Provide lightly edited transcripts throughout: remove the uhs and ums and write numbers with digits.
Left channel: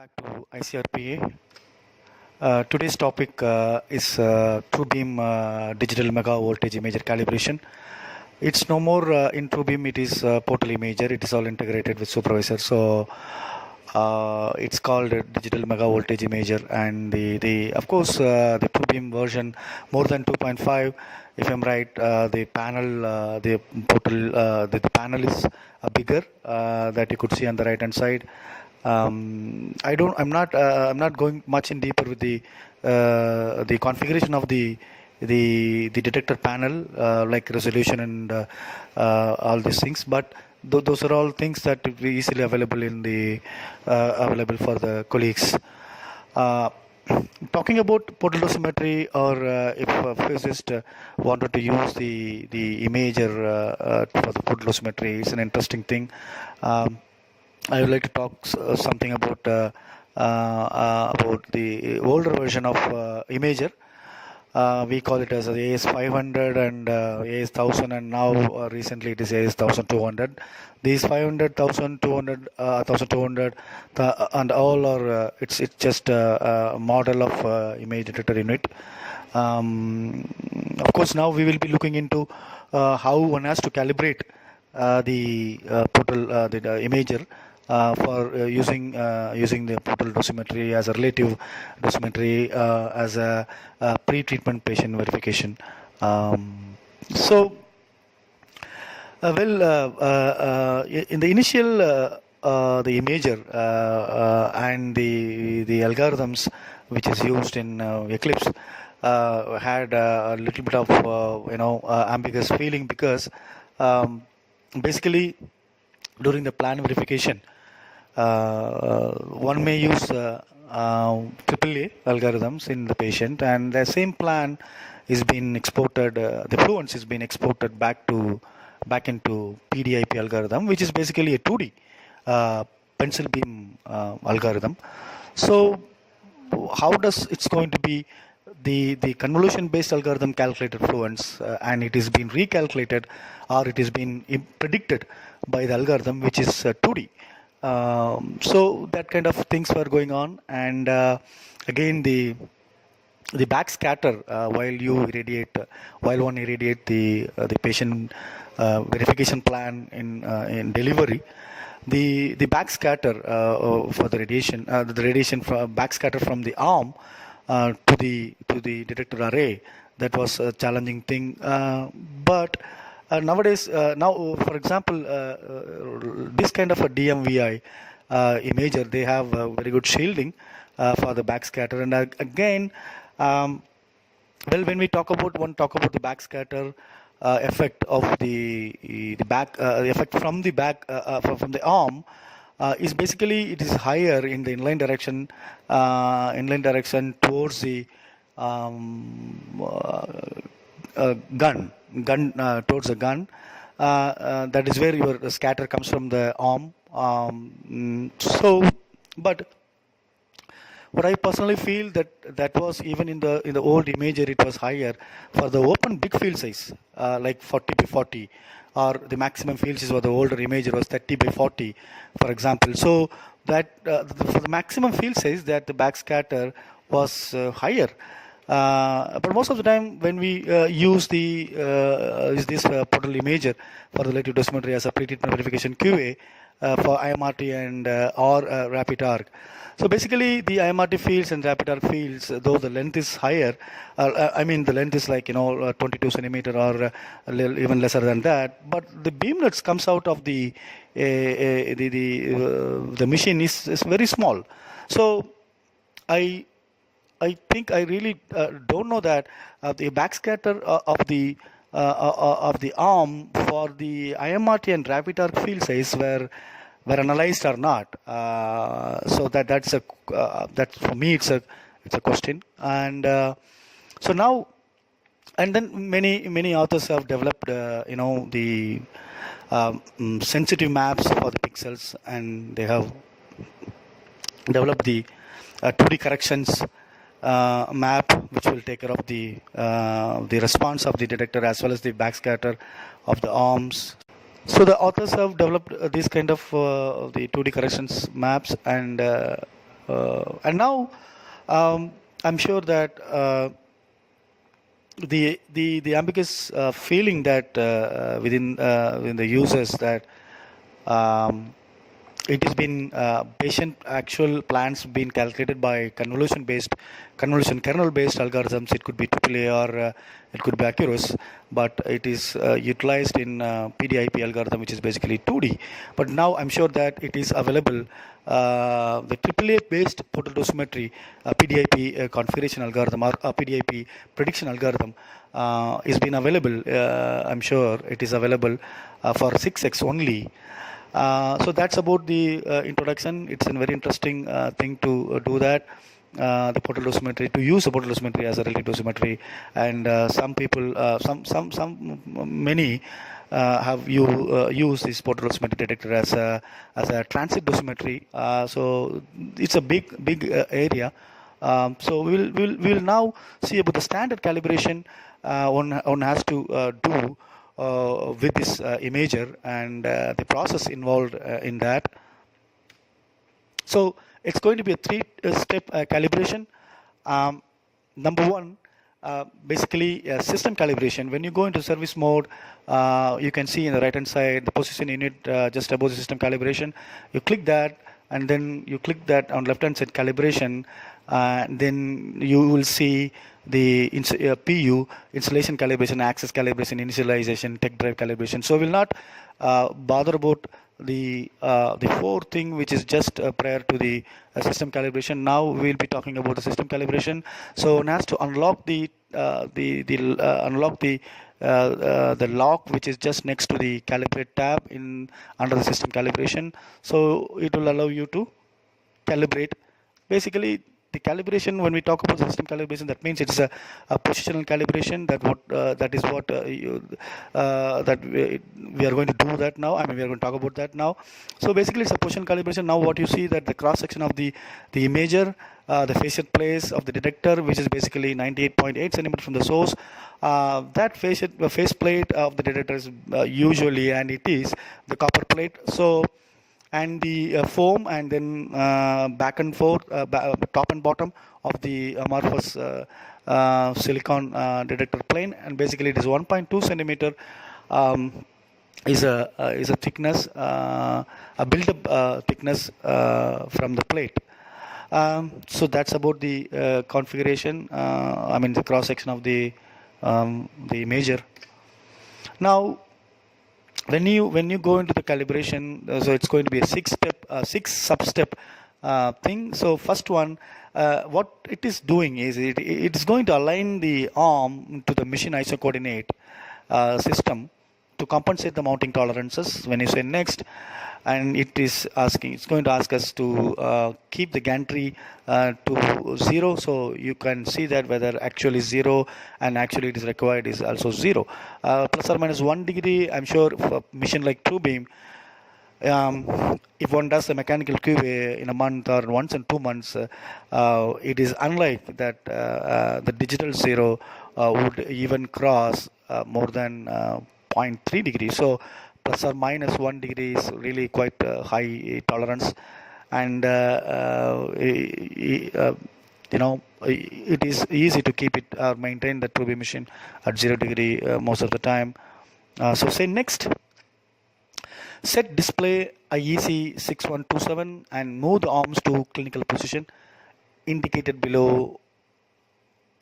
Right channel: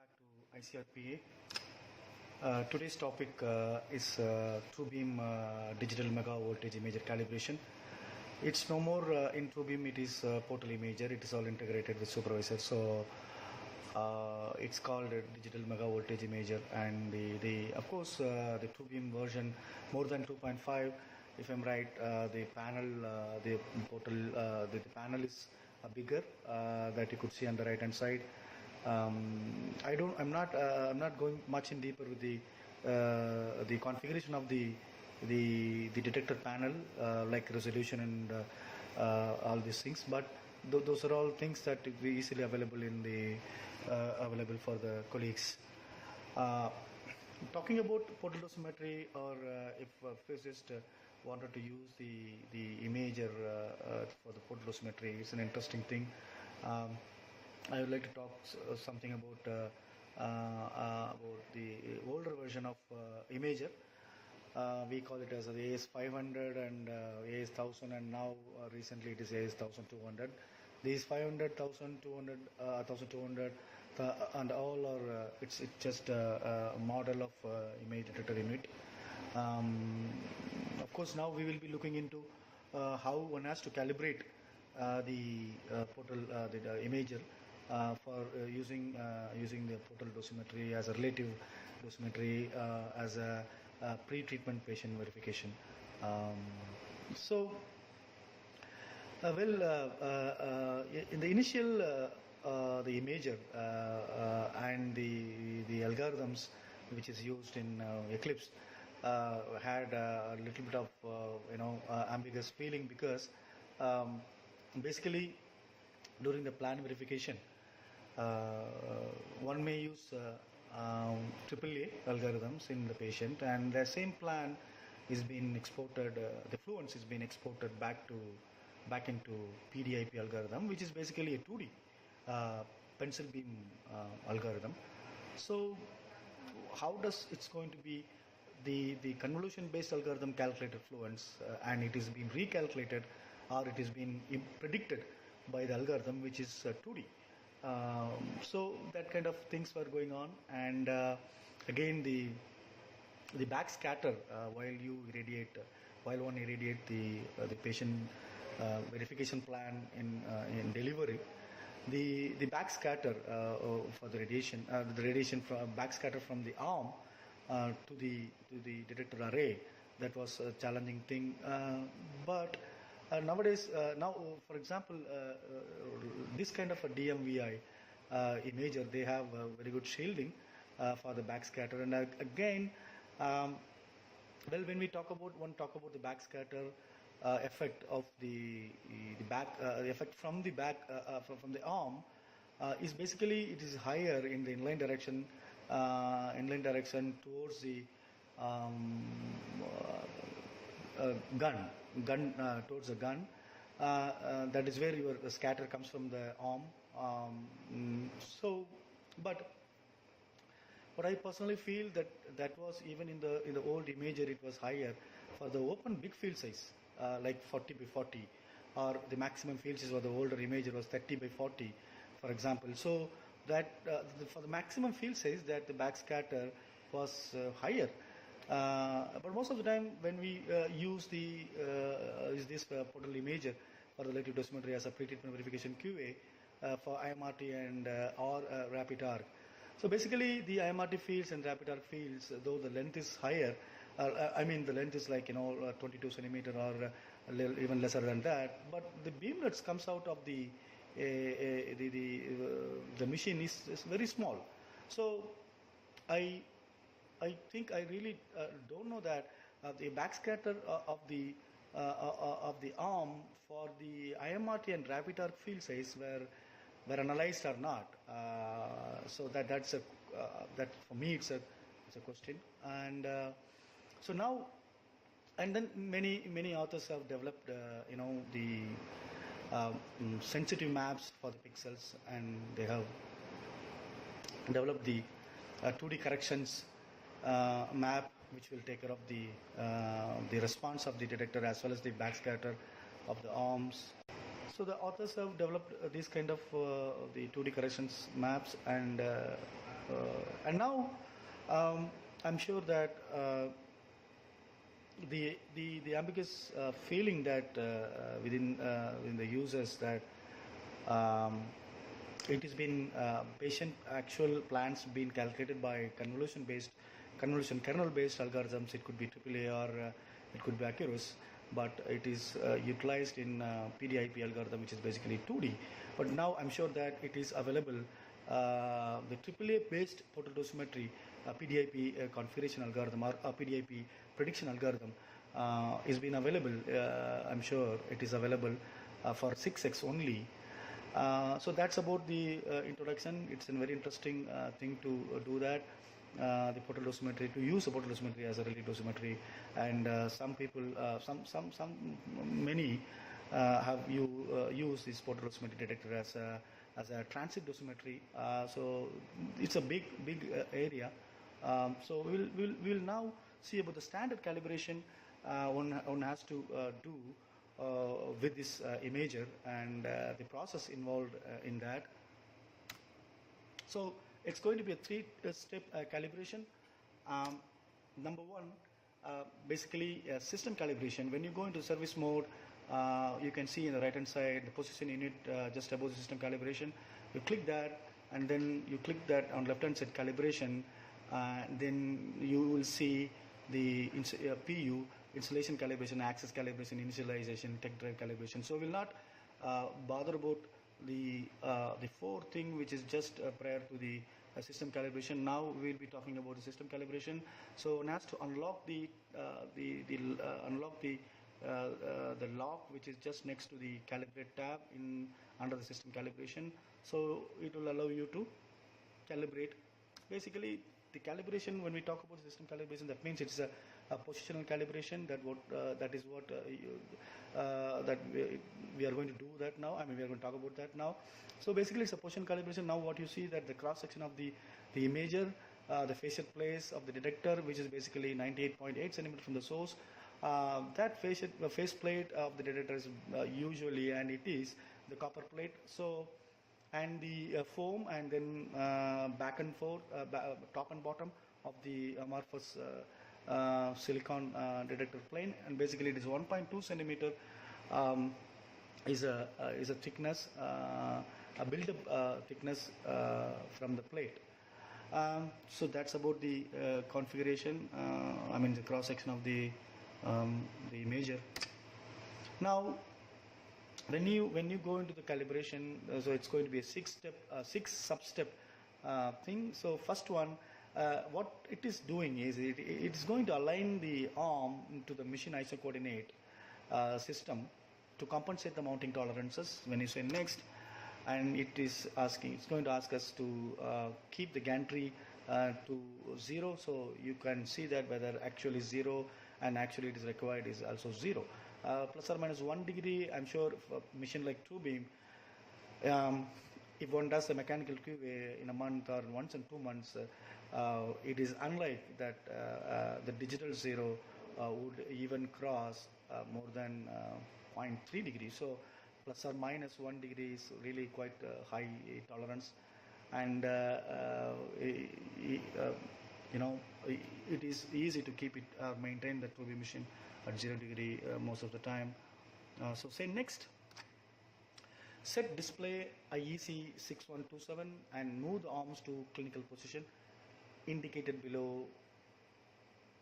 back to ICRPA. Today's topic is TrueBeam digital mega voltage imager calibration. It's no more in TrueBeam, it is portal imager. It is all integrated with supervisor. So it's called a digital mega voltage imager, and the of course the TrueBeam version more than 2.5. If I'm right, the panel, the portal, the panel is bigger that you could see on the right hand side. I'm not going much in deeper with the configuration of the detector panel, like resolution and all these things, but those are all things that will be easily available in the available for the colleagues. Talking about portal dosimetry, or if a physicist wanted to use the imager for the portal dosimetry, it's an interesting thing. I would like to talk something about the older version of imager. We call it as the AS500 and AS1000, and now recently it is AS1200. These 500, 1200, 1200, and all are it's just a model of image detector unit. Of course, now we will be looking into how one has to calibrate the portal the imager for using the portal dosimetry as a relative dosimetry as a pre-treatment patient verification. So, in the initial the imager and the algorithms which is used in Eclipse had a little bit of ambiguous feeling, because basically during the plan verification one may use AAA algorithms in the patient, and the same plan is being exported, the fluence is being exported back into PDIP algorithm, which is basically a 2D pencil beam algorithm. So how does it's going to be the convolution based algorithm calculated fluence, and it is being recalculated, or it is being predicted by the algorithm which is 2D. So that kind of things were going on, and again the backscatter while one irradiate the patient verification plan in delivery, the backscatter for the radiation from backscatter from the arm to the detector array, that was a challenging thing, but nowadays, now for example, this kind of a DMVI imager, they have very good shielding for the backscatter, and again, when we talk about the backscatter effect of the effect from the back from the arm, is basically it is higher in the inline direction towards the gun towards the gun. That is where your scatter comes from the arm. So, but what I personally feel that was even in the old imager, it was higher for the open big field size, like 40 by 40, or the maximum field size for the older imager was 30 by 40, for example. So that for the maximum field size, that the backscatter was higher. But most of the time when we use this portal imager for relative dosimetry as a pre-treatment verification QA for IMRT and or rapid arc. So basically the IMRT fields and rapid arc fields, though the length is higher, I mean the length is like 22 centimeter or even lesser than that, but the beamlets comes out of the machine is very small. So I think I really don't know that the backscatter of the arm for the IMRT and rapid arc field size were analyzed or not. So that's that for me it's a question, and so now, and then many authors have developed the sensitive maps for the pixels, and they have developed the 2D corrections map, which will take care of the response of the detector as well as the backscatter of the arms. So the authors have developed these kind of the 2D corrections maps, and And now I'm sure that the ambiguous feeling that within the users that um, it has been patient actual plans been calculated by convolution kernel based algorithms. It could be AAA or it could be Accurus, but it is utilized in PDIP algorithm, which is basically 2D. But now I'm sure that it is available. The AAA based portal dosimetry PDIP configuration algorithm or PDIP prediction algorithm is been available. I'm sure it is available for 6x only. So that's about the introduction. It's a very interesting thing to do that. The portal dosimetry, to use the portal dosimetry as a relative dosimetry, and some people, many have used this portal dosimetry detector as a transit dosimetry. So it's a big area. So we'll now see about the standard calibration one has to do with this imager and the process involved in that. So it's going to be a three-step calibration. Number one, basically system calibration. When you go into service mode, you can see in the right hand side the position unit just above the system calibration. You click that, and then you click that on left hand side calibration. Then you will see the PU, installation calibration, access calibration, initialization, tech drive calibration. So we'll not bother about the fourth thing, which is just prior to the system calibration. Now we'll be talking about the system calibration. So one has to unlock the lock, which is just next to the calibrate tab under the system calibration. So it will allow you to calibrate. Basically, the calibration, when we talk about system calibration, that means it's a positional calibration. That is what we are going to do that now. I mean, we are going to talk about that now. So basically, it's a positional calibration. Now, what you see that the cross section of the imager, the facet place of the detector, which is basically 98.8 centimeters from the source. That face plate of the detector is usually, and it is the copper plate. So, and the foam, and then back and forth, top and bottom of the amorphous silicon detector plane, and basically it is 1.2 centimeter is a thickness, a built-up thickness from the plate. So that's about the configuration. I mean the cross section of the imager. Now, when you go into the calibration, so it's going to be a six sub-step thing. So first one, what it is doing is it is going to align the arm to the machine ISO coordinate system to compensate the mounting tolerances. When you say next, and it's going to ask us to keep the gantry to 0, so you can see that whether actually 0 and actually it is required is also 0, plus or minus 1 degree. I'm sure for a machine like TrueBeam, if one does a mechanical QA in a month or once in 2 months, it is unlike that the digital 0 would even cross more than 0.3 degrees. So plus or minus 1 degree is really quite high tolerance, and it is easy to keep it or maintain the TrueBeam machine at 0 degree most of the time. So say next. Set display IEC 6127 and move the arms to clinical position indicated below.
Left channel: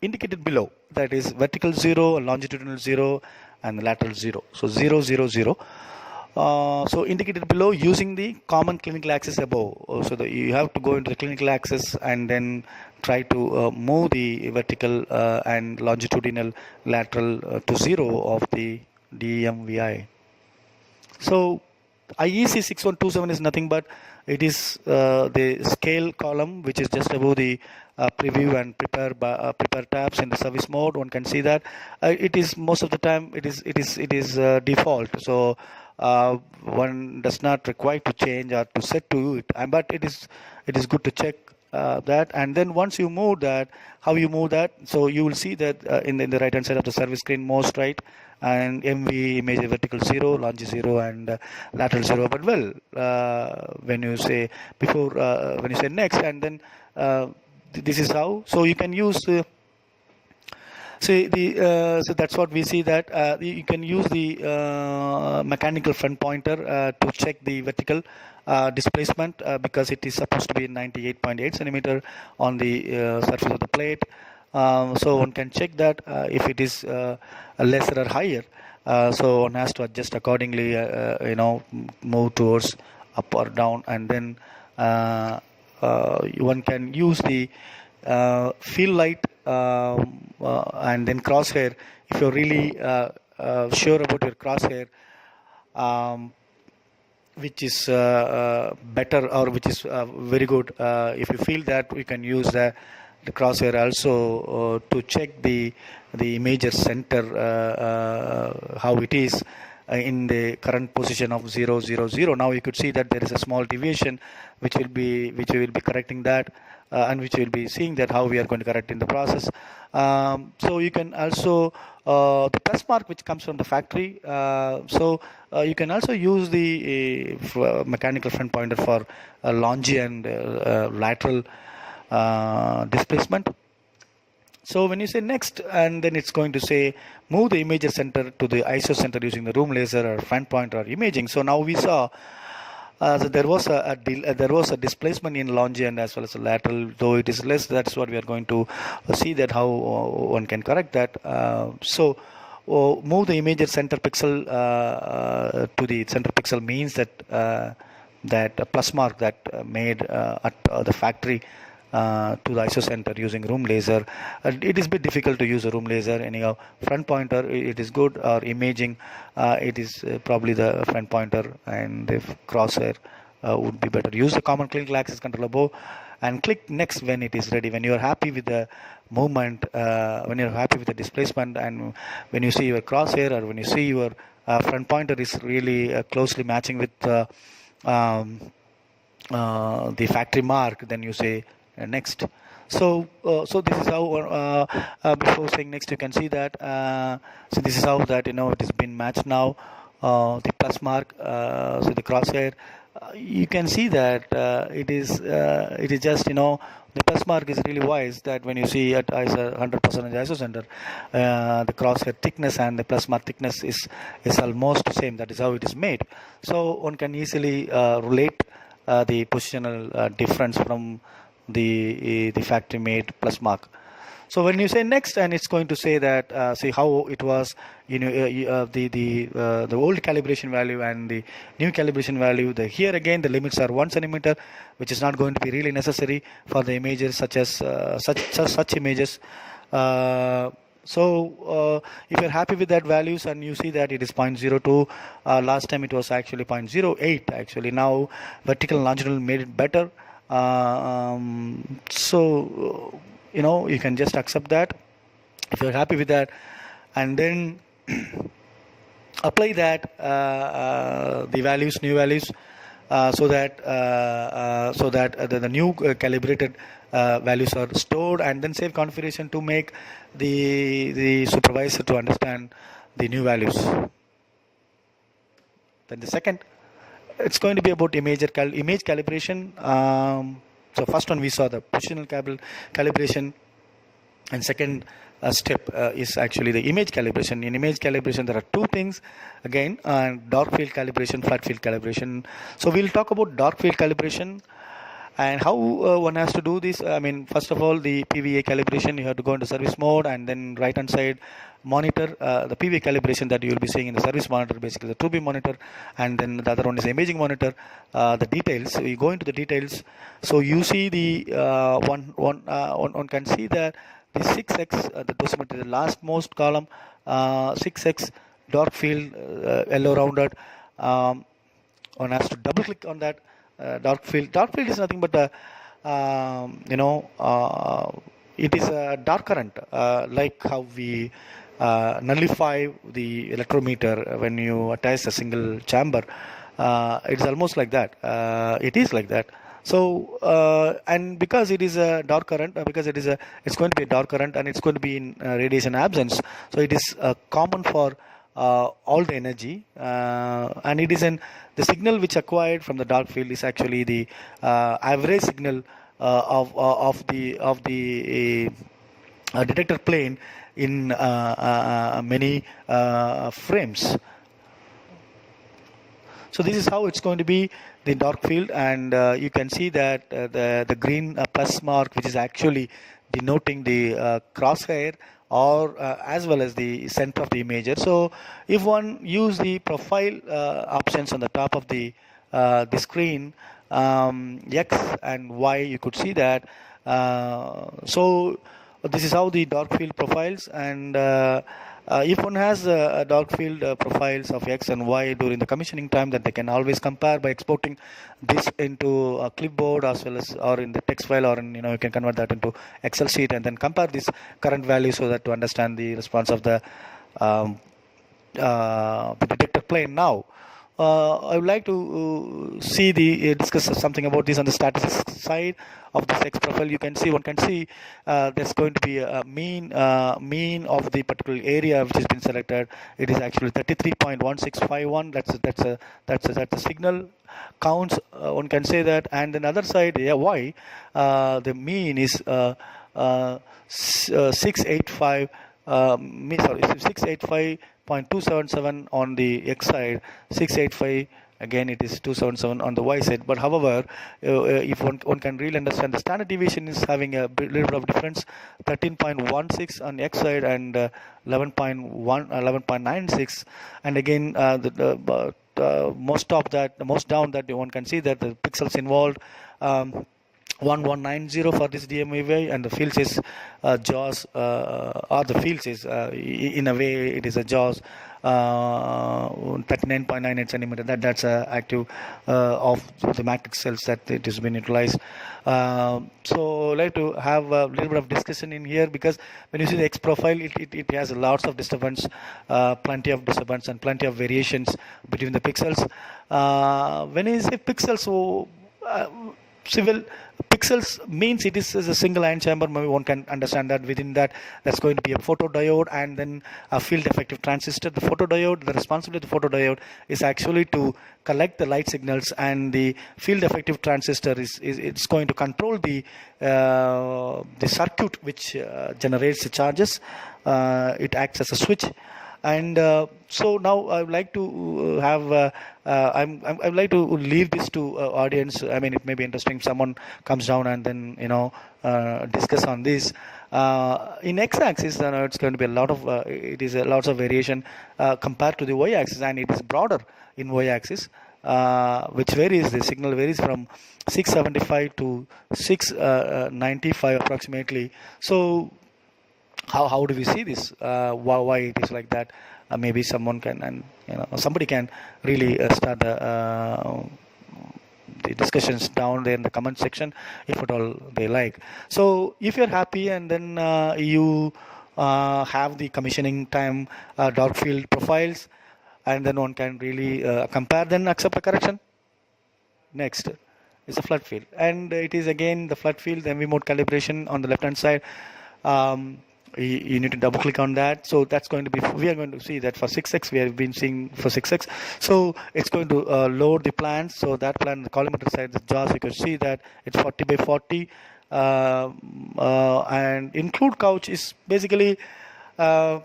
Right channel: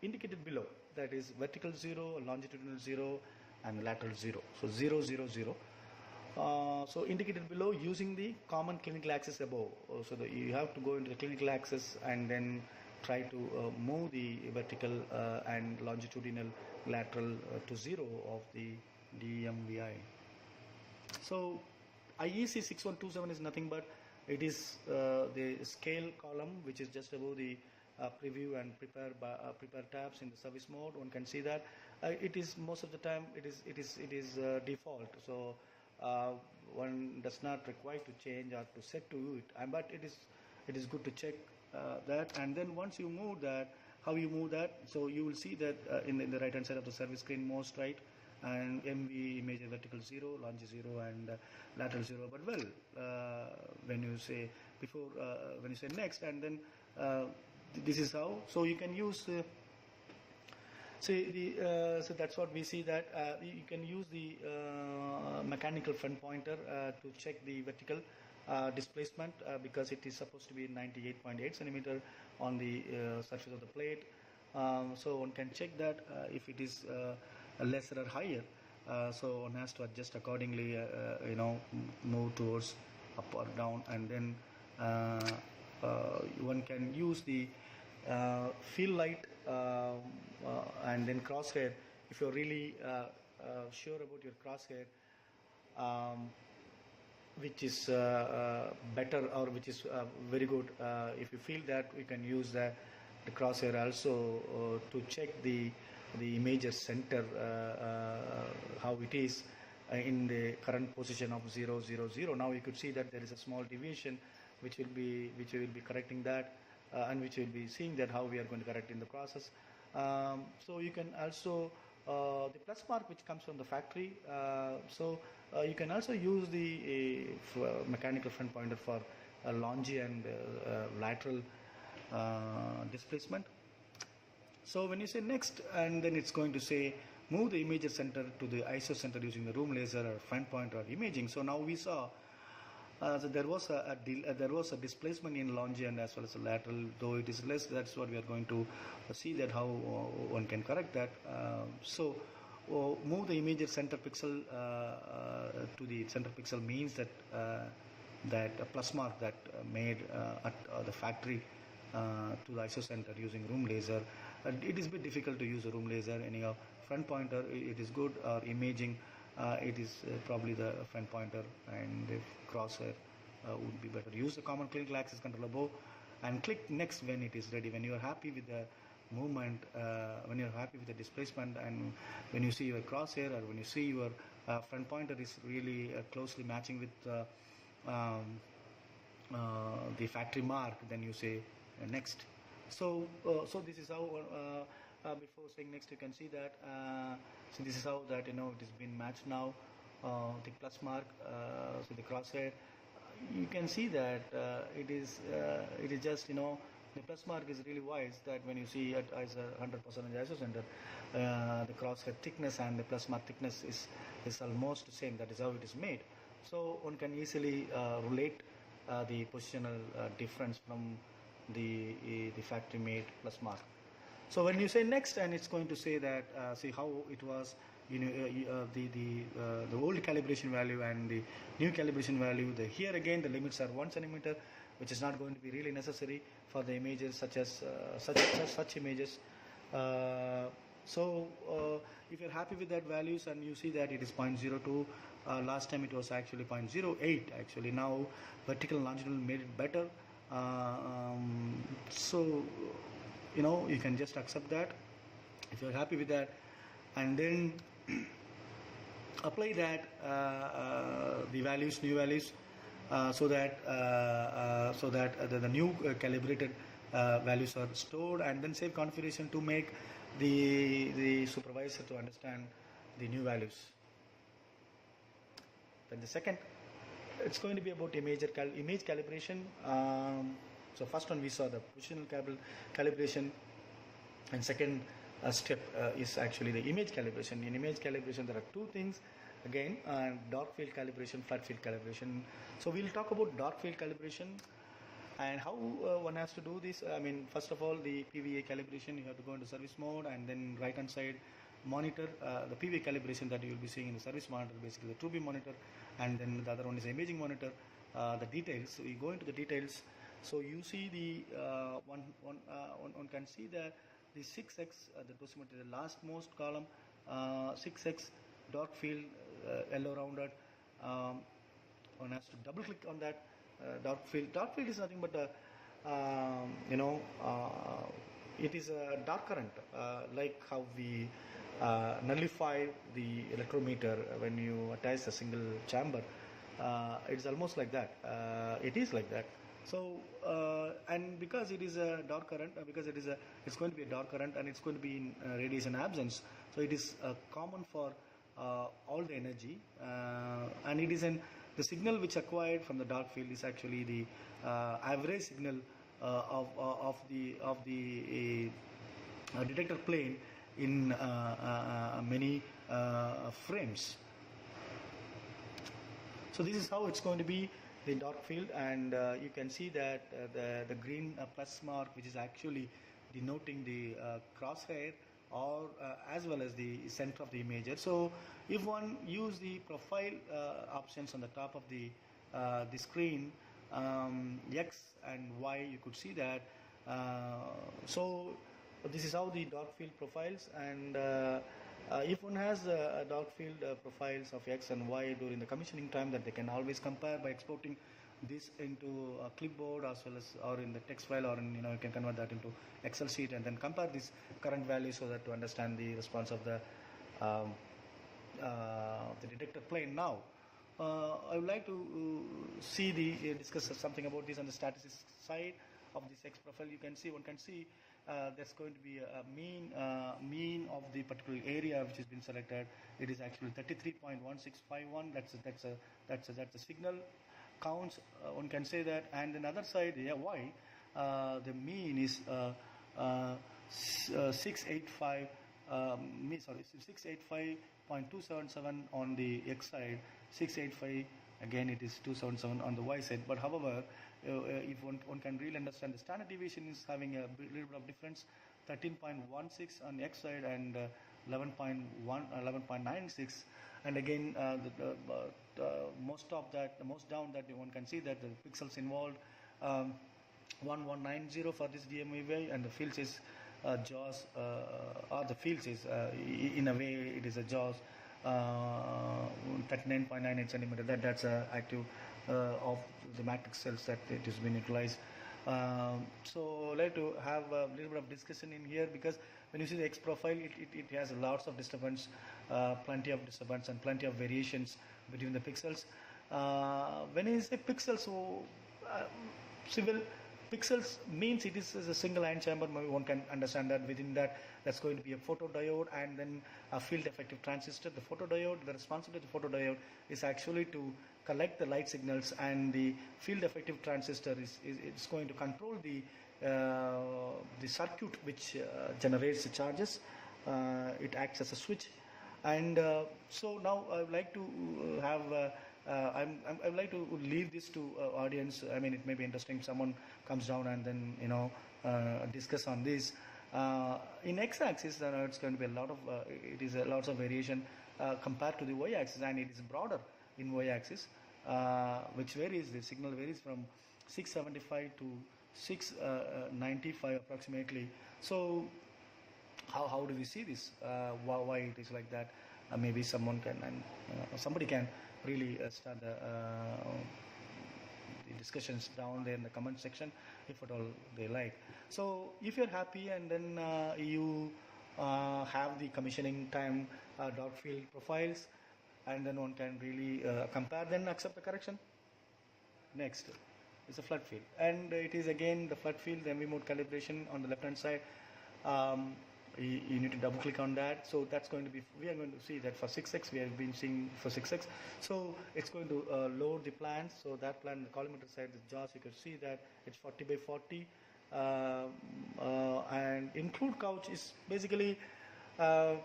That is vertical 0, longitudinal 0, and lateral 0. So 0, 0, 0. So indicated below using the common clinical axis above. So you have to go into the clinical axis and then try to move the vertical and longitudinal lateral to 0 of the DMVI. So IEC 6127 is nothing but it is the scale column, which is just above the preview and prepare tabs in the service mode. One can see that it is most of the time it is default. So one does not require to change or to set to it, but it is good to check that. And then once you move that, how you move that, so you will see that in the right hand side of the service screen most right, and MV image vertical 0, longe 0, and lateral 0. But well, when you say before, when you say next, and then this is how. So you can use. So that's what we see, that you can use the mechanical front pointer to check the vertical displacement, because it is supposed to be 98.8 centimeter on the surface of the plate. So one can check that if it is lesser or higher. So one has to adjust accordingly, move towards up or down, and then one can use the field light and then crosshair. If you're really sure about your crosshair, which is better, or which is very good, if you feel that, we can use the crosshair also to check the imager center, how it is in the current position of 0, 0, 0. Now you could see that there is a small deviation which we will be correcting that, and which we will be seeing that how we are going to correct in the process. So you can also the plus mark which comes from the factory. So you can also use the mechanical front pointer for longe and lateral displacement. So when you say next, and then it's going to say move the imager center to the ISO center using the room laser or front pointer or imaging. So now we saw so there was a displacement in longe and as well as a lateral, though it is less. That's what we are going to see, that how one can correct that. So move the imager center pixel to the center pixel means that that plus mark that made at the factory to the ISO center using room laser. It is a bit difficult to use a room laser anyhow. Front pointer, it is good, or imaging, it is probably the front pointer, and if crosshair would be better. Use the common clinical access controller bow and click next when it is ready. When you are happy with the movement, when you are happy with the displacement, and when you see your crosshair, or when you see your front pointer is really closely matching with the factory mark, then you say next. So this is how before saying next, you can see that so this is how that it has been matched now. The plus mark, so the crosshair, you can see that it is just the plus mark is really wise, that when you see at 100% ISO center, the crosshair thickness and the plus mark thickness is almost the same. That is how it is made. So one can easily relate the positional difference from the factory made plus mark. So when you say next, and it's going to say that see how it was, the old calibration value and the new calibration value. Here again the limits are 1 centimeter, which is not going to be really necessary for the images such as such images. So if you're happy with that values, and you see that it is 0.02, last time it was actually 0.08 actually. Now vertical and longitudinal made it better. So you can just accept that if you're happy with that, and then apply that the values, new values, so that the new calibrated values are stored, and then save configuration to make the supervisor to understand the new values. Then the second, it's going to be about image calibration. So first one we saw the positional calibration, and second step is actually the image calibration. In image calibration there are two things again, dark field calibration, flat field calibration. So we'll talk about dark field calibration and how one has to do this. I mean, first of all, the PVA calibration, you have to go into service mode, and then right hand side monitor, the PVA calibration that you will be seeing in the service monitor, basically the TrueBeam monitor, and then the other one is the imaging monitor. The details, so you go into the details, so you see the one can see that the 6x, the dosimeter, the last most column, 6x dark field, yellow rounded. One has to double click on that dark field. Dark field is nothing but it is a dark current, like how we nullify the electrometer when you attach a single chamber. It's almost like that. It is like that. So and because it is a dark current, it's going to be a dark current, and it's going to be in radiation absence. So it is common for all the energy, and it is the signal which acquired from the dark field is actually the average signal of the detector plane in many frames. So this is how it's going to be the dark field, and you can see that the green plus mark, which is actually denoting the crosshair, or as well as the center of the imager. So if one use the profile options on the top of the screen, X and Y, you could see that. So this is how the dark field profiles, and if one has dark field profiles of X and Y during the commissioning time, that they can always compare by exporting this into a clipboard, as well as, or in the text file, or in, you can convert that into Excel sheet and then compare this current value, so that to understand the response of the detector plane. Now I would like to discuss something about this on the statistics side of this X profile. One can see there's going to be a mean of the particular area which has been selected. It is actually 33.1651. That's a signal counts. One can say that, and then other side, Y, the mean is 685. 685.277 on the X side, 685 again it is 277 on the Y side. But however, if one can really understand, the standard deviation is having a little bit of difference, 13.16 on the X side and 11.96, and again the most down that one can see that the pixels involved, 1190 for this DMVI, and the fields is JAWS, or the fields is in a way it is a JAWS 39.98 centimeter. That's active of the matrix cells that it has been utilized. So I'd like to have a little bit of discussion in here, because when you see the X profile, it has lots of disturbance, plenty of disturbance and plenty of variations between the pixels. When you say pixels, so civil pixels means it is a single ion chamber. Maybe one can understand that within that's going to be a photodiode and then a field effective transistor. The photodiode, the responsibility of the photodiode is actually to collect the light signals, and the field effective transistor it's going to control the circuit which generates the charges. It acts as a switch. And so now I would like to have I'd like to leave this to audience. I mean, it may be interesting if someone comes down and then discuss on this. In X-axis, it's going to be a lot of lots of variation compared to the Y-axis, and it is broader in Y-axis, which varies. The signal varies from 675 to 695 approximately. So how do we see this? Why it is like that? Maybe someone can, and somebody can really start the discussions down there in the comment section, if at all they like. So if you're happy, and then you have the commissioning time dark field profiles, and then one can really compare, then accept a correction. Next is a flood field, and it is again the flood field, the MV mode calibration on the left hand side. You need to double click on that. So that's going to be, we are going to see that for 6x, we have been seeing for 6x. So it's going to load the plans. So that plan, the collimator side, the JAWS, you can see that it's 40 by 40. And include couch is basically the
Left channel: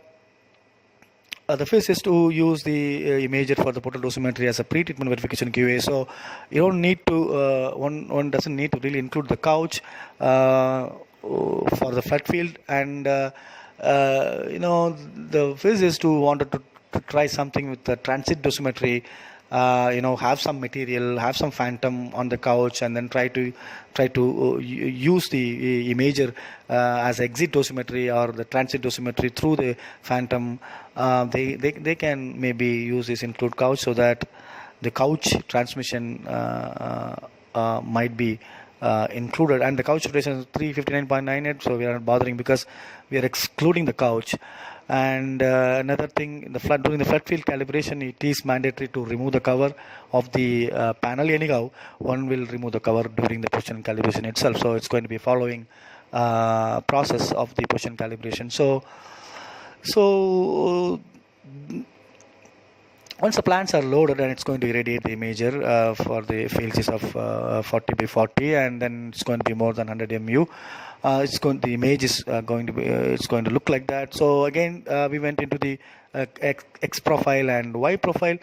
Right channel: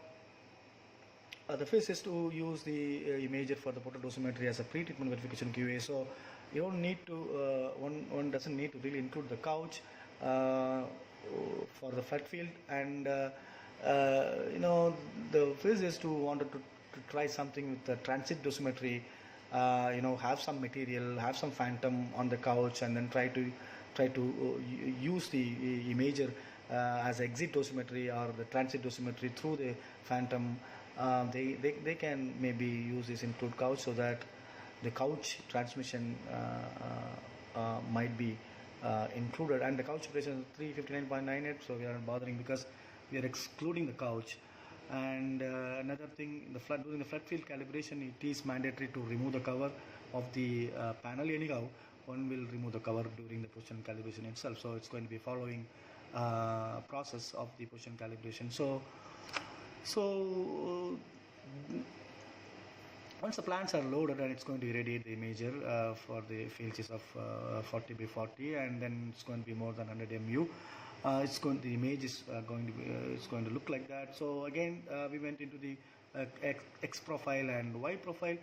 phase is to use the imager for the portal dosimetry as a pre-treatment verification QA. So you don't need to, one doesn't need to really include the couch for the flood field. And the physicist who wanted to try something with the transit dosimetry, have some material, have some phantom on the couch, and then try to use the imager as exit dosimetry or the transit dosimetry through the phantom. They can maybe use this include couch, so that the couch transmission might be included. And the couch rotation is 359.98, so we are not bothering because we are excluding the couch. And another thing, during the flood field calibration, it is mandatory to remove the cover of the panel. Anyhow, one will remove the cover during the position calibration itself. So it's going to be following process of the position calibration. So Once the plants are loaded, and it's going to irradiate the imager for the field size of 40 by 40, and then it's going to be more than 100 mu. The image is going to be it's going to look like that. So again, we went into the X profile and Y profile.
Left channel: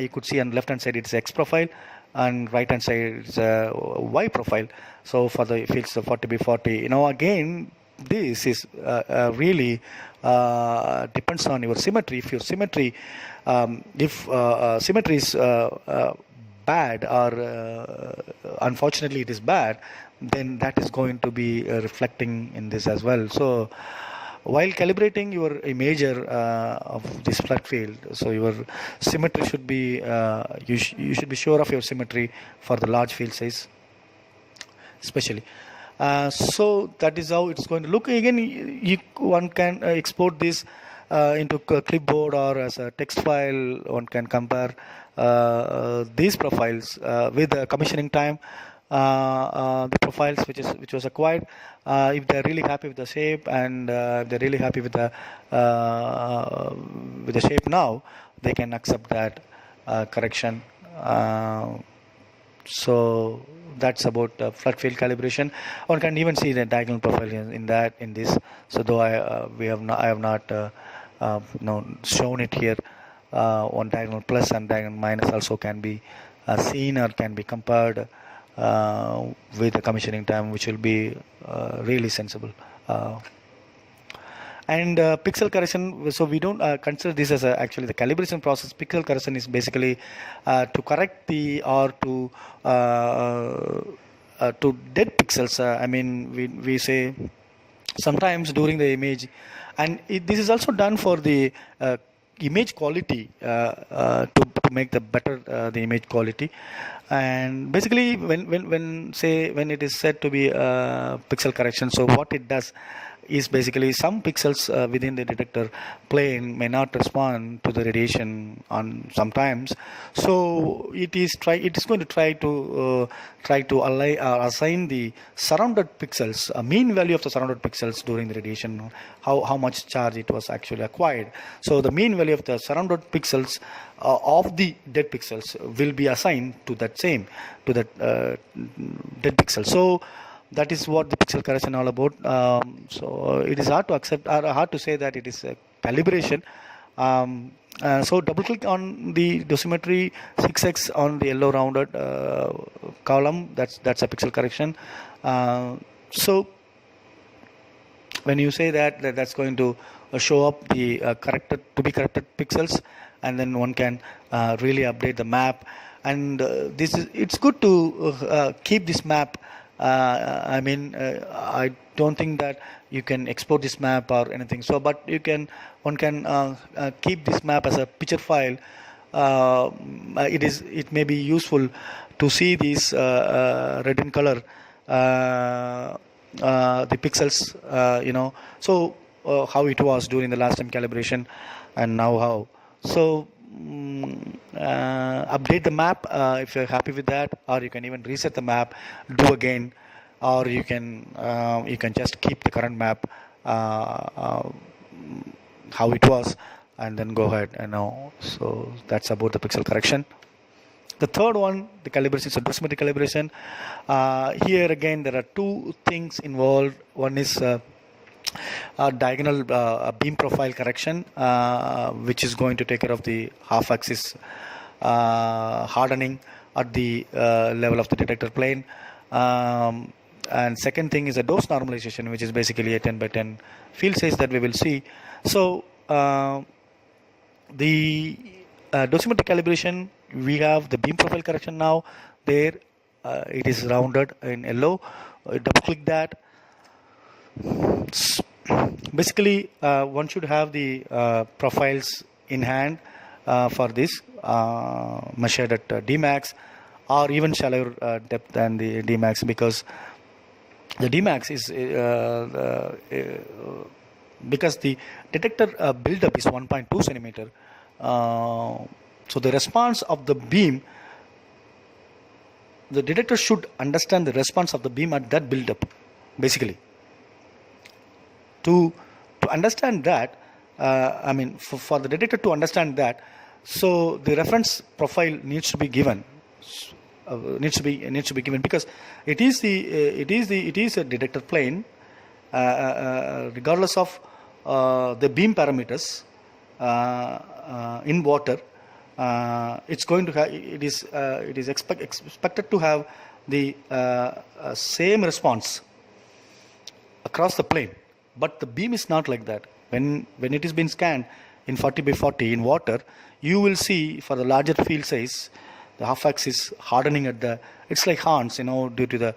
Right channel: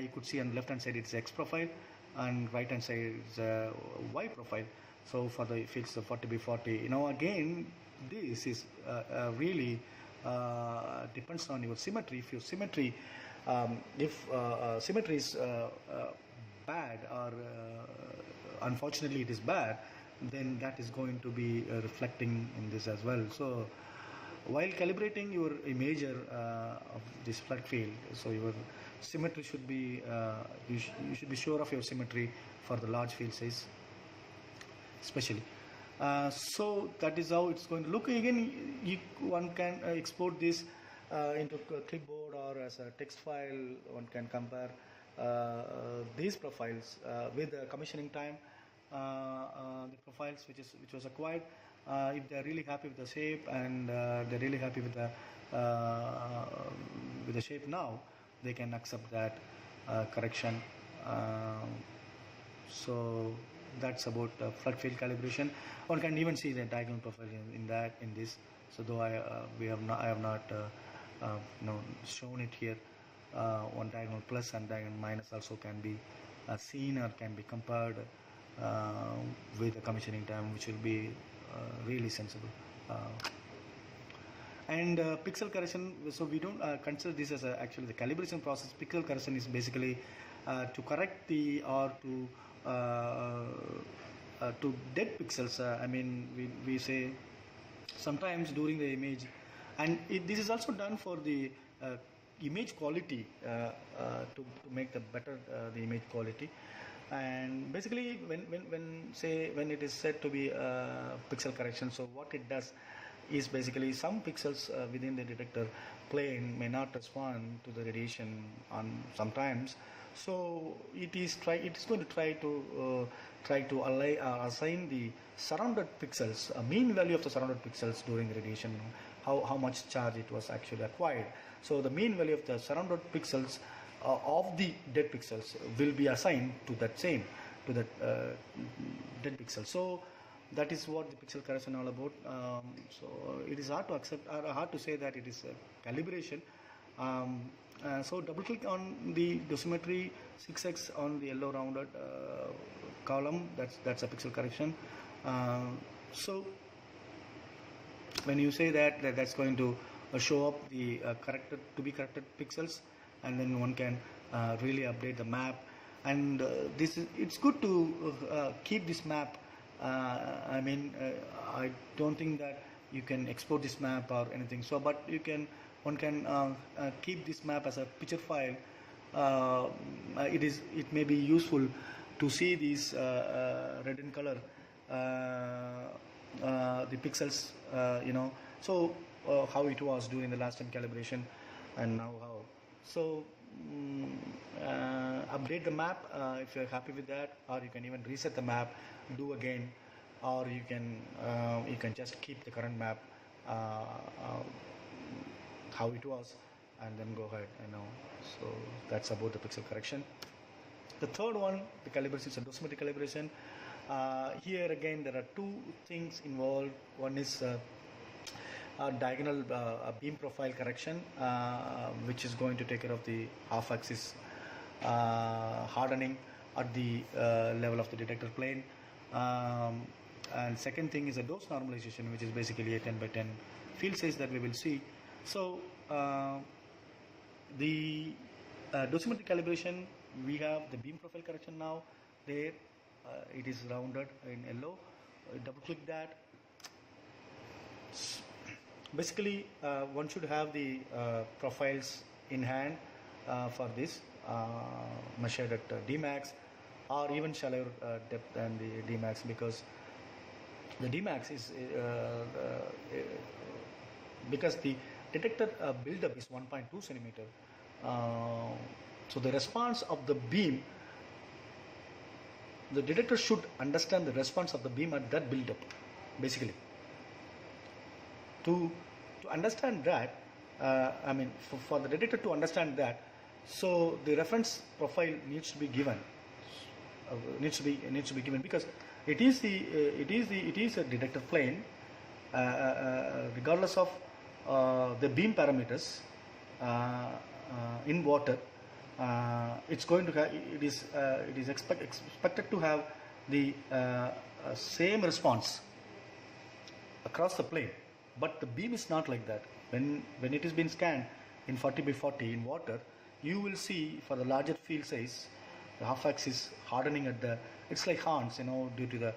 You could see on the left hand side it's X profile, and right hand side it's Y profile. So for the fields of 40 by 40, again, this is really depends on your symmetry. If your symmetry, if symmetry is bad, or unfortunately it is bad, then that is going to be reflecting in this as well. So while calibrating your imager of this flood field, so your symmetry should be you should be sure of your symmetry for the large field size especially. So that is how it's going to look. Again, one can export this into a clipboard or as a text file. One can compare these profiles with the commissioning time, the profiles which was acquired. If they're really happy with the shape, and they're really happy with the shape now, they can accept that correction. So that's about flood field calibration. One can even see the diagonal profile in this. So though I have not shown it here, on diagonal plus and diagonal minus also can be seen or can be compared with the commissioning time, which will be really sensible. And pixel correction, so we don't consider this as actually the calibration process. Pixel correction is basically to correct the or to dead pixels. I mean, we say sometimes during the image, and this is also done for the image quality, to make the better the image quality. And basically when it is said to be pixel correction, so what it does is basically some pixels within the detector plane may not respond to the radiation on sometimes. So it is going to try to assign the surrounded pixels, a mean value of the surrounded pixels during the radiation, how much charge it was actually acquired. So the mean value of the surrounded pixels of the dead pixels will be assigned to that dead pixel. So that is what the pixel correction all about. So it is hard to accept, or hard to say that it is a calibration. So double click on the dosimetry 6x on the yellow rounded column. That's a pixel correction. So when you say that's going to show up the corrected pixels, and then one can really update the map. And it's good to keep this map. I mean, I don't think that you can export this map or anything. So, but one can keep this map as a picture file. It may be useful to see these red in color, the pixels. So how it was during the last time calibration, and now how. So update the map if you're happy with that, or you can even reset the map, do again, or you can just keep the current map how it was, and then go ahead. So that's about the pixel correction. The third one, the calibration, is a dosimetry calibration. Here again there are two things involved. One is diagonal beam profile correction, which is going to take care of the half axis hardening at the level of the detector plane. And second thing is a dose normalization, which is basically a 10 by 10 field size that we will see. So the dosimetry calibration, we have the beam profile correction now. There it is rounded in yellow. Double click that. Basically one should have the profiles in hand for this, measured at Dmax, or even shallower depth than the Dmax, because the Dmax is because the detector buildup is 1.2 centimeter. So the response of the beam, the detector should understand the response of the beam at that buildup. Basically, to understand that, I mean, for the detector to understand that, So the reference profile needs to be given, needs to be given, because it is a detector plane, regardless of the beam parameters in water. It's going to have, it is expected to have the same response across the plane, but the beam is not like that. When it is being scanned in 40 by 40 in water, you will see for the larger field size, the half axis hardening at the, it's like horns, due to the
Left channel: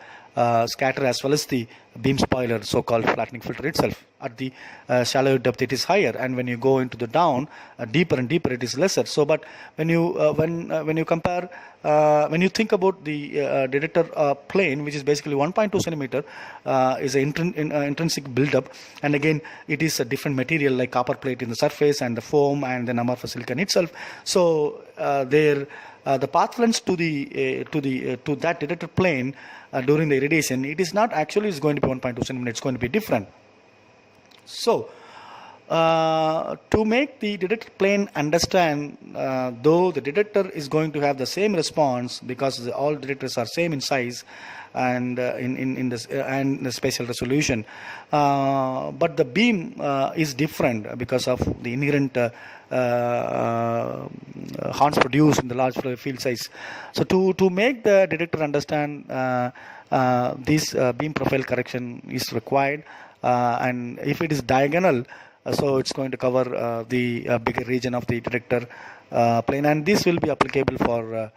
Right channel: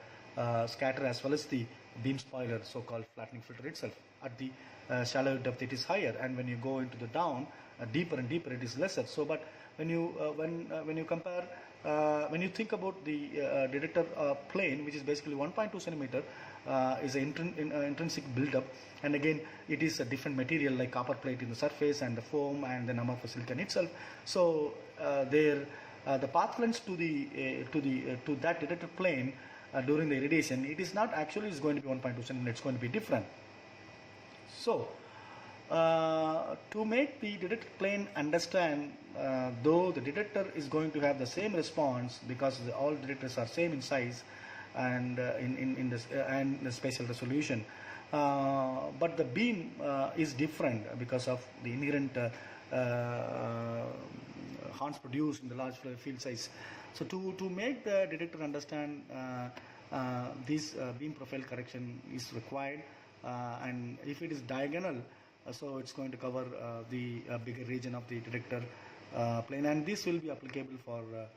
scatter as well as the beam spoiler, so-called flattening filter itself. At the shallow depth, it is higher, and when you go into the down, deeper and deeper, it is lesser. So, but when you compare, when you think about the detector plane, which is basically 1.2 centimeter, is an intrinsic buildup, and again, it is a different material like copper plate in the surface and the foam and then amorphous silicon itself. So, the path length to that detector plane during the irradiation, it is not actually is going to be 1.2 centimeter. It's going to be different. So, to make the detector plane understand, though the detector is going to have the same response because all detectors are same in size and in this and the spatial resolution, but the beam is different because of the inherent horns produced in the large field size. So to make the detector understand, this beam profile correction is required, and if it is diagonal, so it's going to cover the bigger region of the detector plane, and this will be applicable for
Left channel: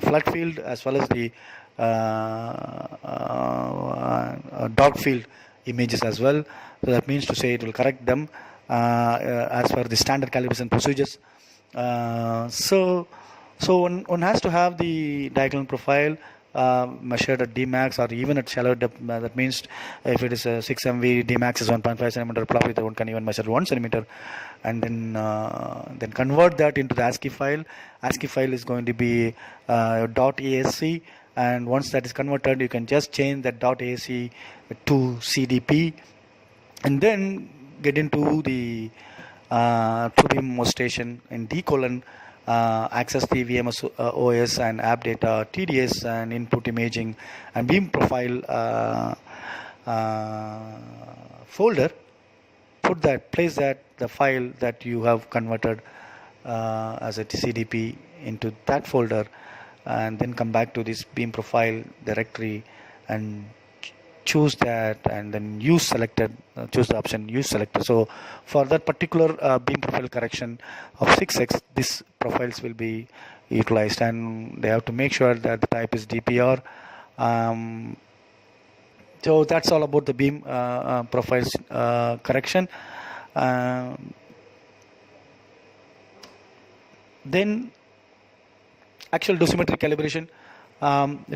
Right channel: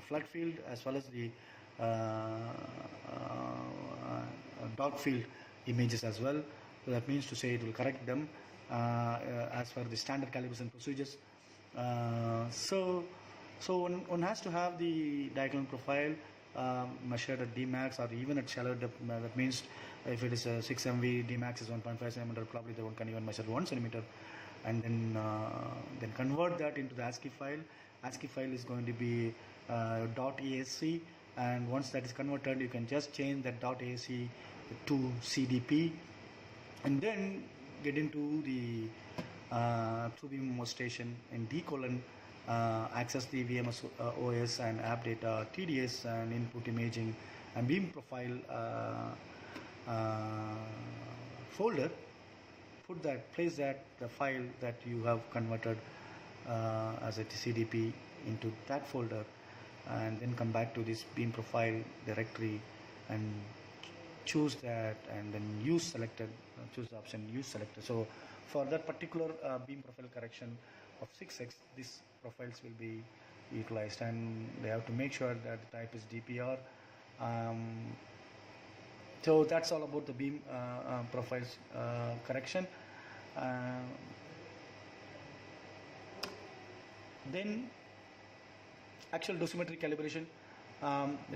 flood field as well as the dot field images as well. So that means to say it will correct them as per the standard calibration procedures. So one has to have the diagonal profile measured at Dmax or even at shallow depth. That means if it is a 6 MV, Dmax is 1.5 centimeter, probably one can even measure 1 centimeter, and then convert that into the ASCII file. ASCII file is going to be .asc, and once that is converted, you can just change that .asc to CDP, and then get into the TrueBeam station in D:, access the VMS OS and app data, TDS and input imaging and beam profile folder. Place the file that you have converted as a CDP into that folder, and then come back to this beam profile directory and choose that, and then use selected, choose the option use selector. So for that particular beam profile correction of 6x, these profiles will be utilized, and they have to make sure that the type is DPR. So that's all about the beam profiles correction. Then actual dosimetry calibration,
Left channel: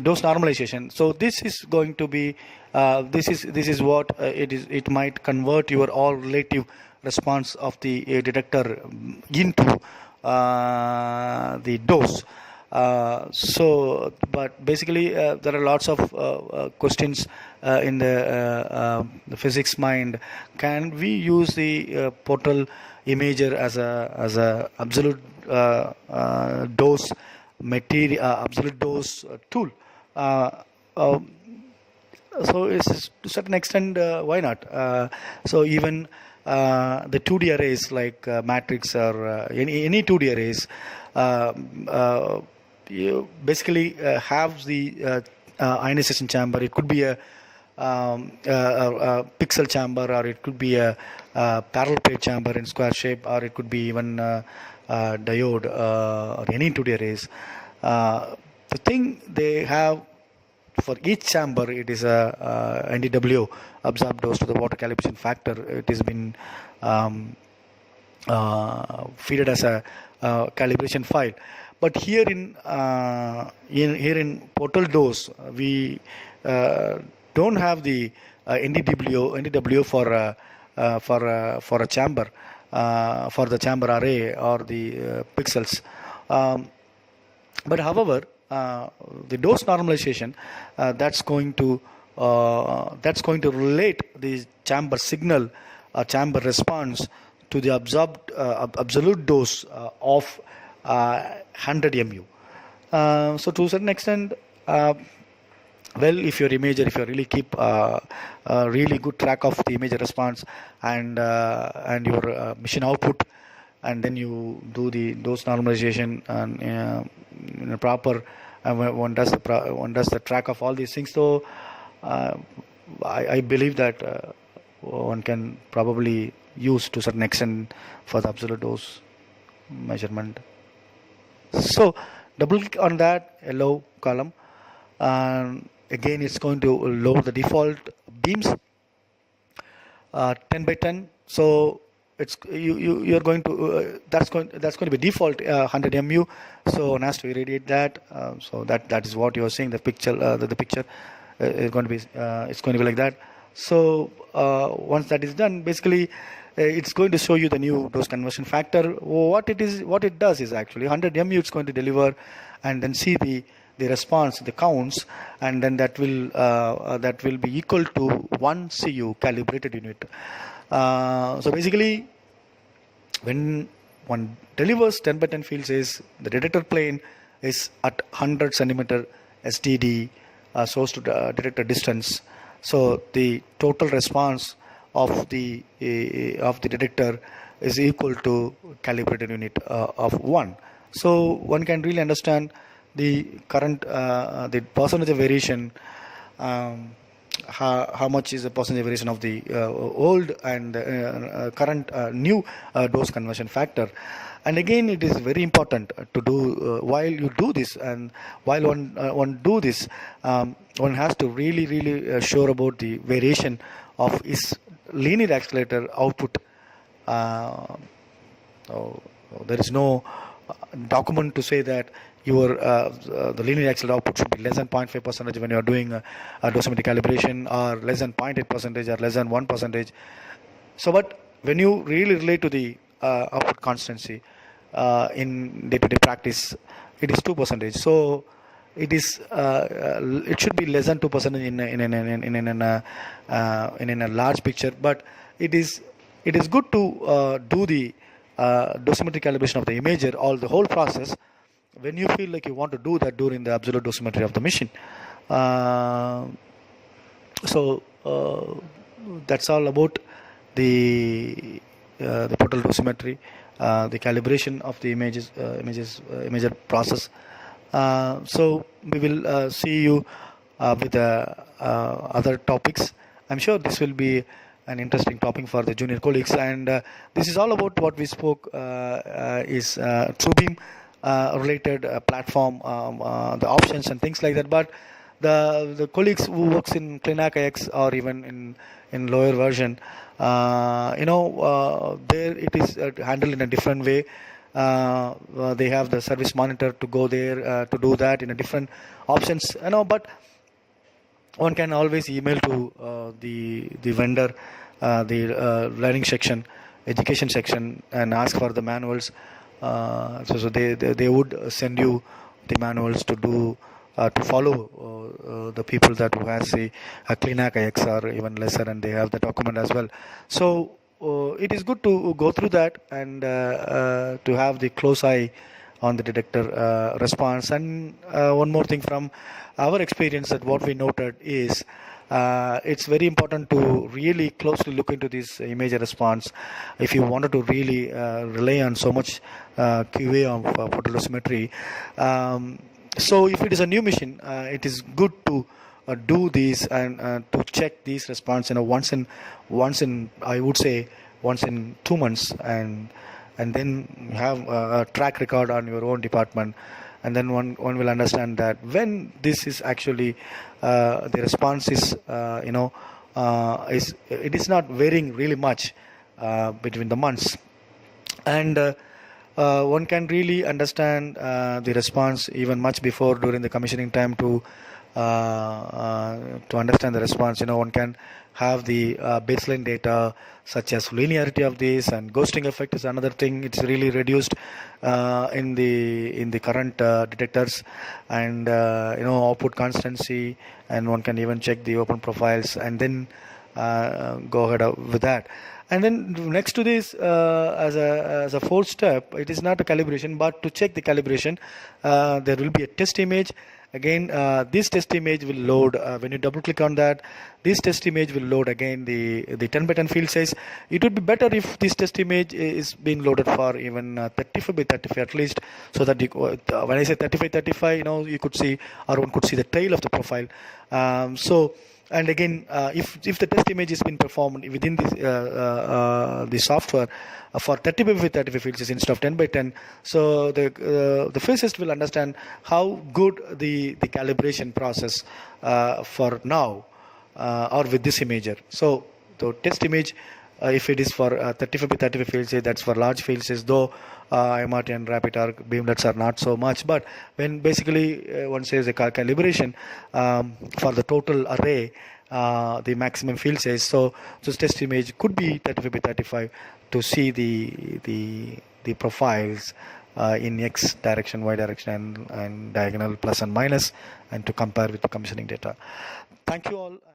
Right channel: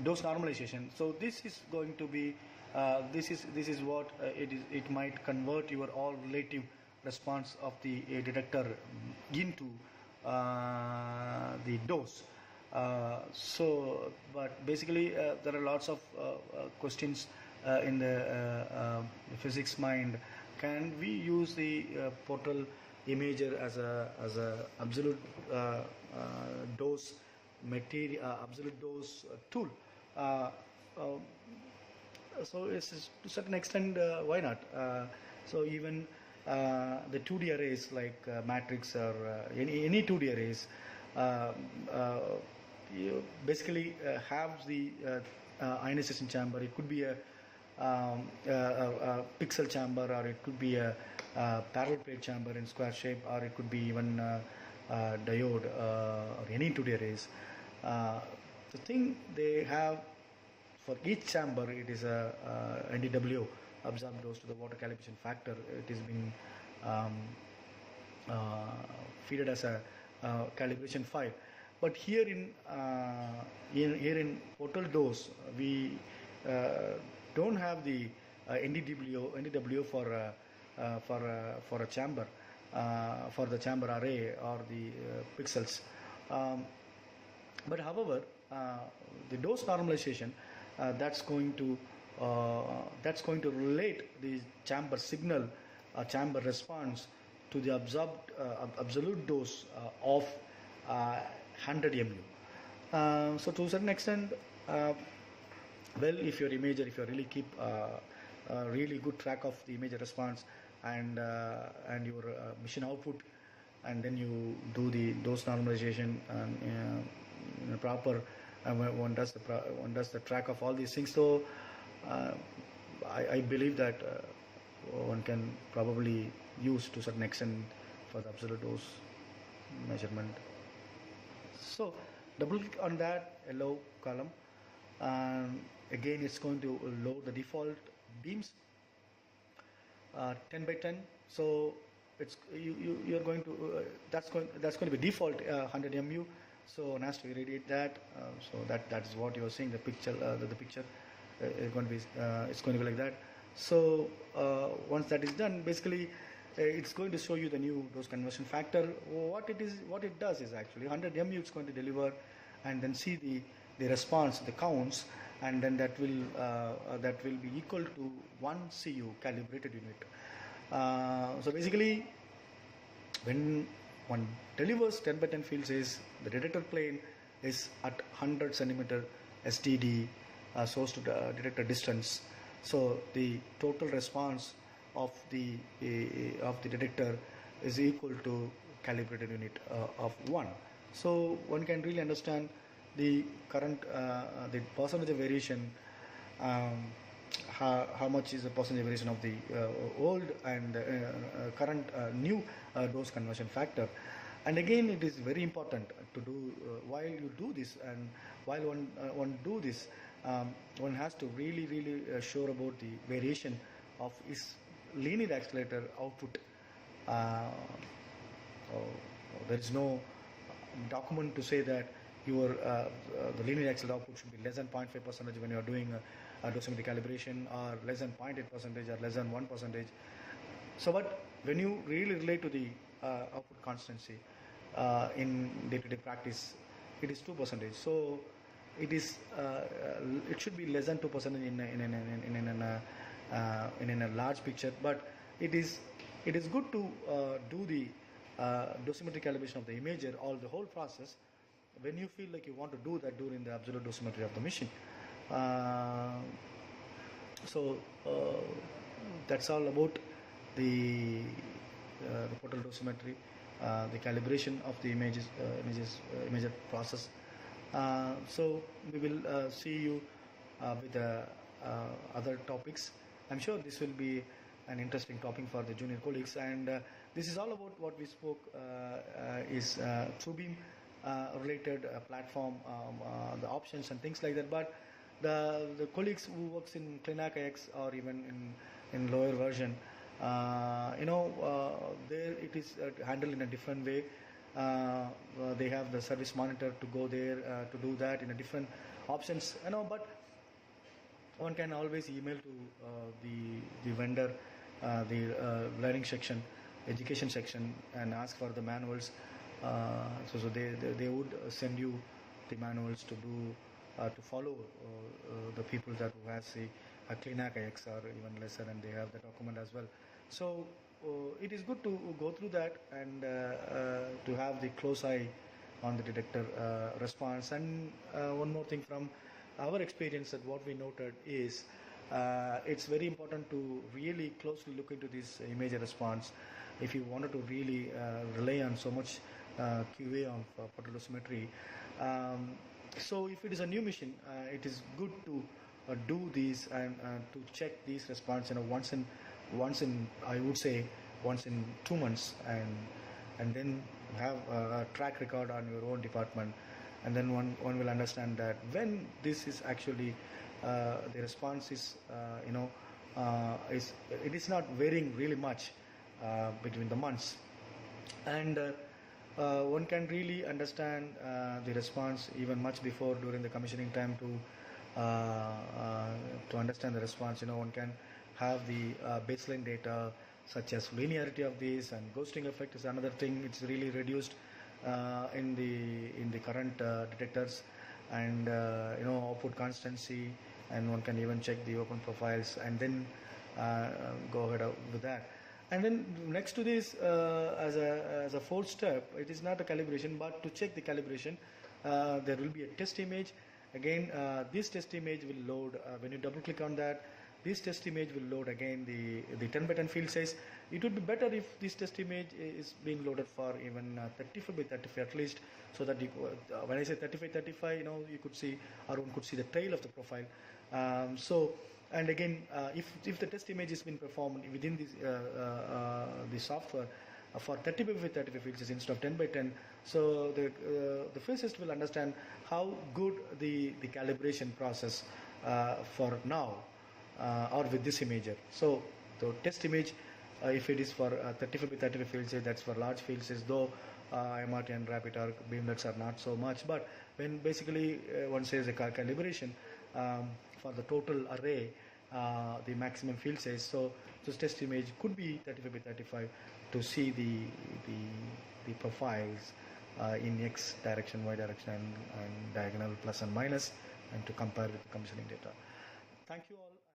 dose normalization. So this is going to be this is what it is. It might convert your all relative response of the detector into the dose. So, but basically there are lots of questions in the physics mind. Can we use the portal imager as a absolute dose material, absolute dose tool? So it's to a certain extent, why not? So even the 2D arrays like matrix or any 2D arrays, you basically have the ionization chamber. It could be a pixel chamber, or it could be a parallel plate chamber in square shape, or it could be even diode or any 2D arrays. The thing they have for each chamber, it is a NDW, absorbed dose to the water calibration factor. It has been feeded as a calibration file. But here in portal dose, we don't have the NDW for a chamber, for the chamber array or the pixels. But however, the dose normalization, that's going to relate the chamber signal, chamber response to the absolute dose of 100 mu. So to a certain extent, well, if your imager, if you really keep really good track of the imager response and your machine output, and then you do the dose normalization and in a proper, one does the track of all these things. So I believe that one can probably use to a certain extent for the absolute dose measurement. So double click on that yellow column, and again it's going to load the default beams 10 by 10. So it's you're going to that's going to be default 100 mu. So one has to irradiate that. So that is what you are seeing. The picture the picture is going to be it's going to be like that. So once that is done, basically it's going to show you the new dose conversion factor. What it does is actually 100 mu it's going to deliver, and then see the response, the counts, and then that will be equal to 1 CU calibrated unit. So basically, when one delivers 10 by 10 field size, the detector plane is at 100 centimeter STD, source to detector distance. So the total response of the detector is equal to calibrated unit of 1. So one can really understand the current the percentage of variation, how much is the percentage variation of the old and current new dose conversion factor. And again, it is very important to do while you do this, and while one do this, one has to really sure about the variation of his linear accelerator output. There is no document to say that your the linear accelerator output should be less than 0.5% when you are doing dosimetry calibration, or less than 0.8% or less than 1%. So, but when you really relate to the output constancy in day-to-day practice, it is 2%. So it is it should be less than 2% in a large picture. But it is good to do the dosimetry calibration of the imager, all the whole process, when you feel like you want to do that during the absolute dosimetry of the machine. So that's all about the total dosimetry, the calibration of the imager process. So we will see you with other topics. I'm sure this will be an interesting topic for the junior colleagues, and this is all about what we spoke is TrueBeam related platform, the options and things like that. But the colleagues who works in Clinac X or even in lower version, there it is handled in a different way. They have the service monitor to go there to do that in a different options, but one can always email to the vendor, the learning section, education section, and ask for the manuals. So they would send you the manuals to do to follow the people that who has a Clinac X or even lesser, and they have the document as well. So it is good to go through that and to have the close eye on the detector response. And one more thing from our experience, that what we noted is it's very important to really closely look into this imager response if you wanted to really rely on so much QA of photodosimetry. So if it is a new machine, it is good to do these and to check these response once in I would say once in 2 months, and then have a track record on your own department, and then one will understand that when this is actually the response is it is not varying really much between the months, and one can really understand the response even much before during the commissioning time to understand the response. One can have the baseline data such as linearity of this, and ghosting effect is another thing. It's really reduced in the current detectors, and output constancy, and one can even check the open profiles and then go ahead with that. And then next to this, as a fourth step, it is not a calibration, but to check the calibration, there will be a test image. Again, this test image will load, when you double click on that, this test image will load again the 10 by 10 field size. It would be better if this test image is being loaded for even 35 by 35 at least, so that you, when I say 35 35, you could see, or one could see the tail of the profile. And again, if the test image has been performed within the software for 35 by 35 fields instead of 10 by 10, so the physicist will understand how good the calibration process for now or with this imager. So the test image, if it is for 35 by 35 fields, that's for large fields, though MRT and rapid arc beamlets are not so much. But when basically one says a calibration for the total array, the maximum field size, so this test image could be 35 by 35 to see the profiles in X direction, Y direction, and diagonal plus and minus, and to compare with the commissioning data. Thank you all.